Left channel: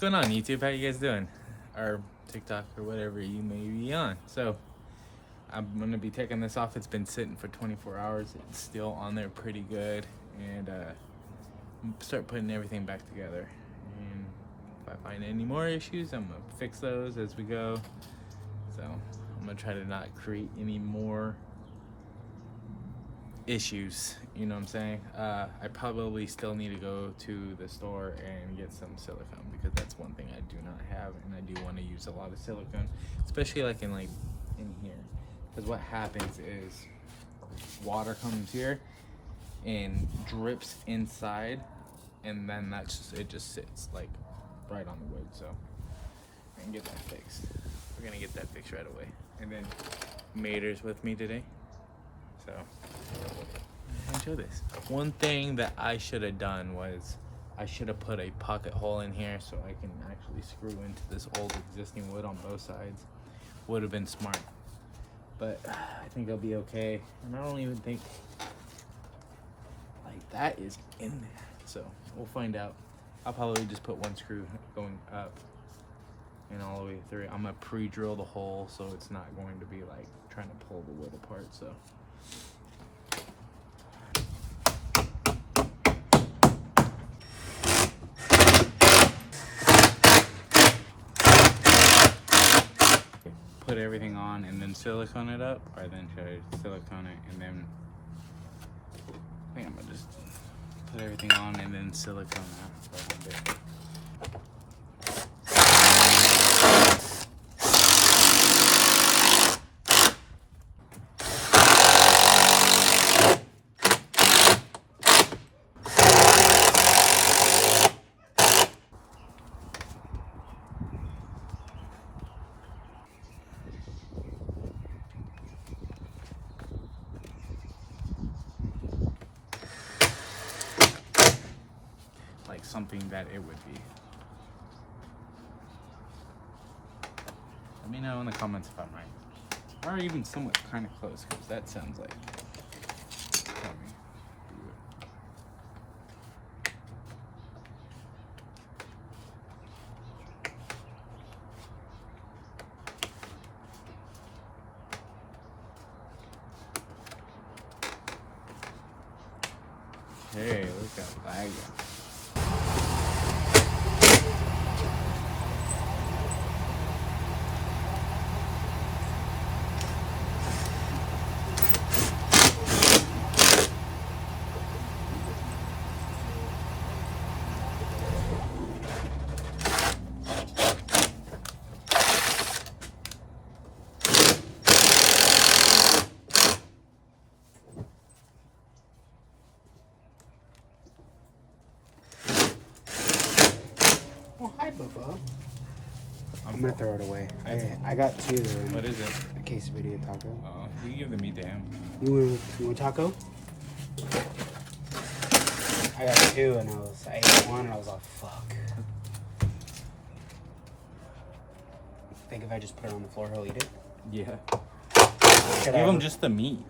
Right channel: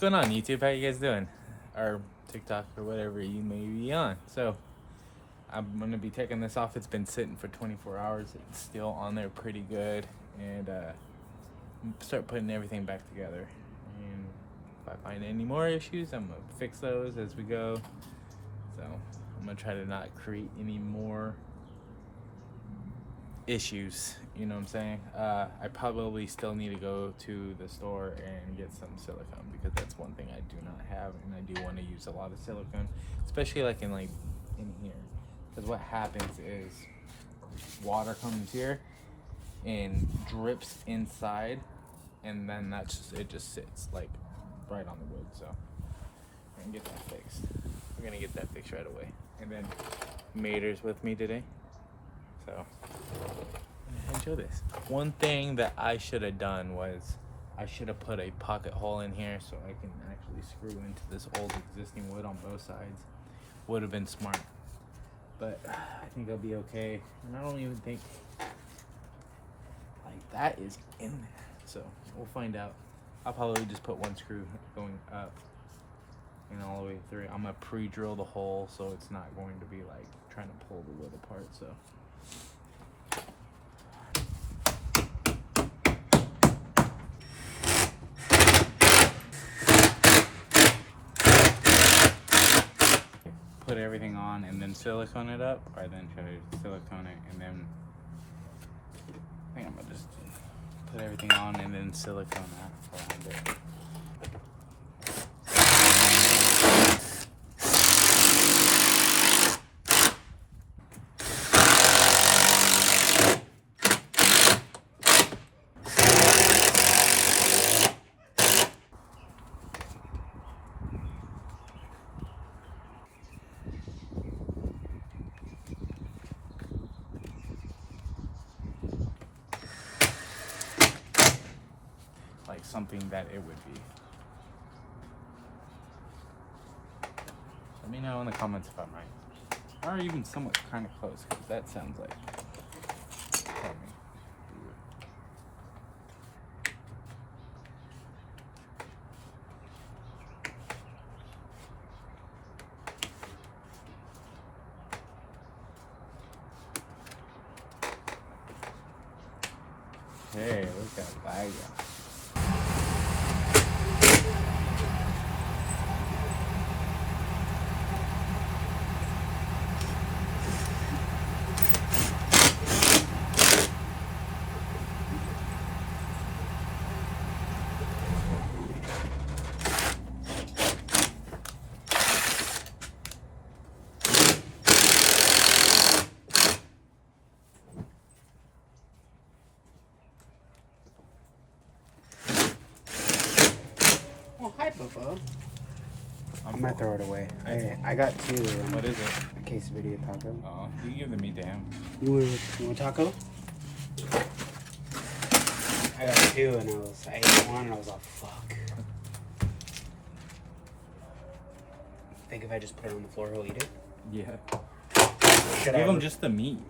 going on, YouTube? How you guys doing? Or TikTok or whatever you may be on. So I'm gonna be taking this off. It's been sitting for 24 hours. It's still on there pretty good, and start putting everything back together. And if I find any more issues, I'm gonna fix those as we go. So I'm gonna try to not create any more issues, you know what I'm saying? I probably still need to go to the store and get some silicone, because that's one thing I do not have, and I do want to use a lot of silicone, especially like in here, because what happens is water comes here and drips inside, and then it just sits like right on the wood. So I can get that fixed. We're gonna get that fixed right away. And then Mater's with me today, so enjoy this. One thing that I should have done was I should have put a pocket hole in here so I can actually screw into this old existing wood on both sides. Would have been smart, but I think I'll be okay. And I don't even think like that is in there, so we'll find out. I'll probably just put one screw going up and all the way through. I'm gonna pre-drill the hole so it's not going to be like trying to pull the wood apart. So put everything on and then silicone it up, or then should I silicone it and then I think I'm gonna just put everything on and then silicone around it. Like something that it would be. Let me know in the comments if I'm right, or even somewhat kind of close, because that sounds like. Tell me. Hey, look at that guy. Oh, hi, Bobo. I'm gonna throw it away. I got two. What is it? A quesadilla taco. Oh, you give the meat to him. You want taco? I got two, and I ate one, and I was like, fuck. Think if I just put it on the floor, he'll eat it? Yeah. Should Give I? him just the meat.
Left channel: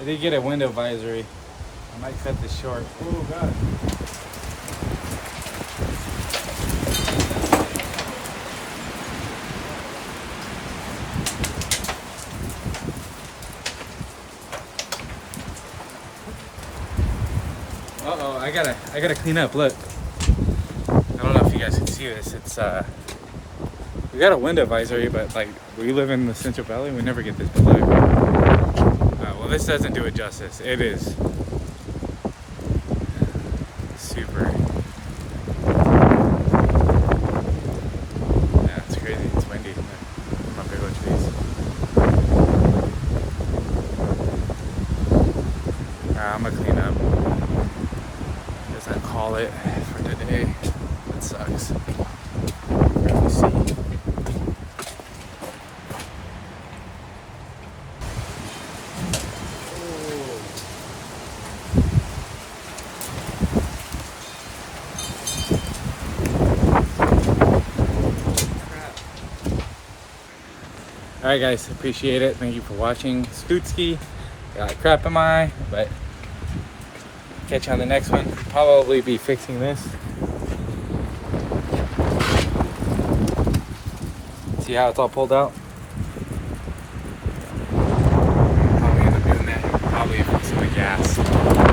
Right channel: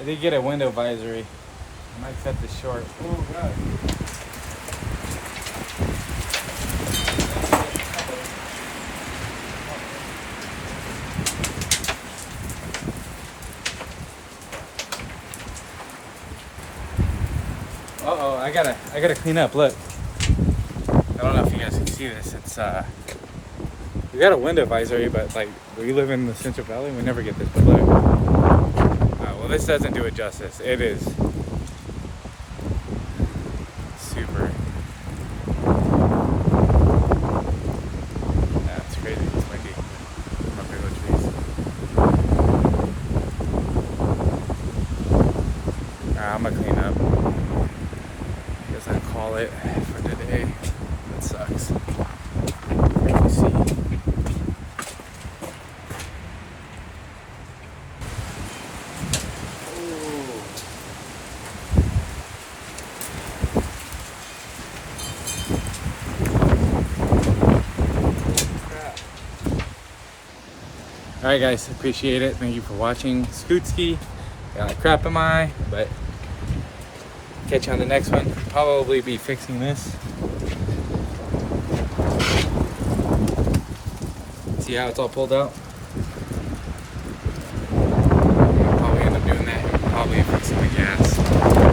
I did get a window advisory. I might cut this short. Oh god. Uh-oh, I gotta clean up. Look. I don't know if you guys can see this. It's we got a window advisory, but like we live in the Central Valley, we never get this. But look. Well, this doesn't do it justice. It is super I'm gonna clean up. Guess I'll call it for today. That sucks. Let me see. Alright guys, appreciate it. Thank you for watching. Scootski. Got crap in my eye, but catch you on the next one. Probably be fixing this. See how it's all pulled out? Probably end up doing that. Probably fixing the gas.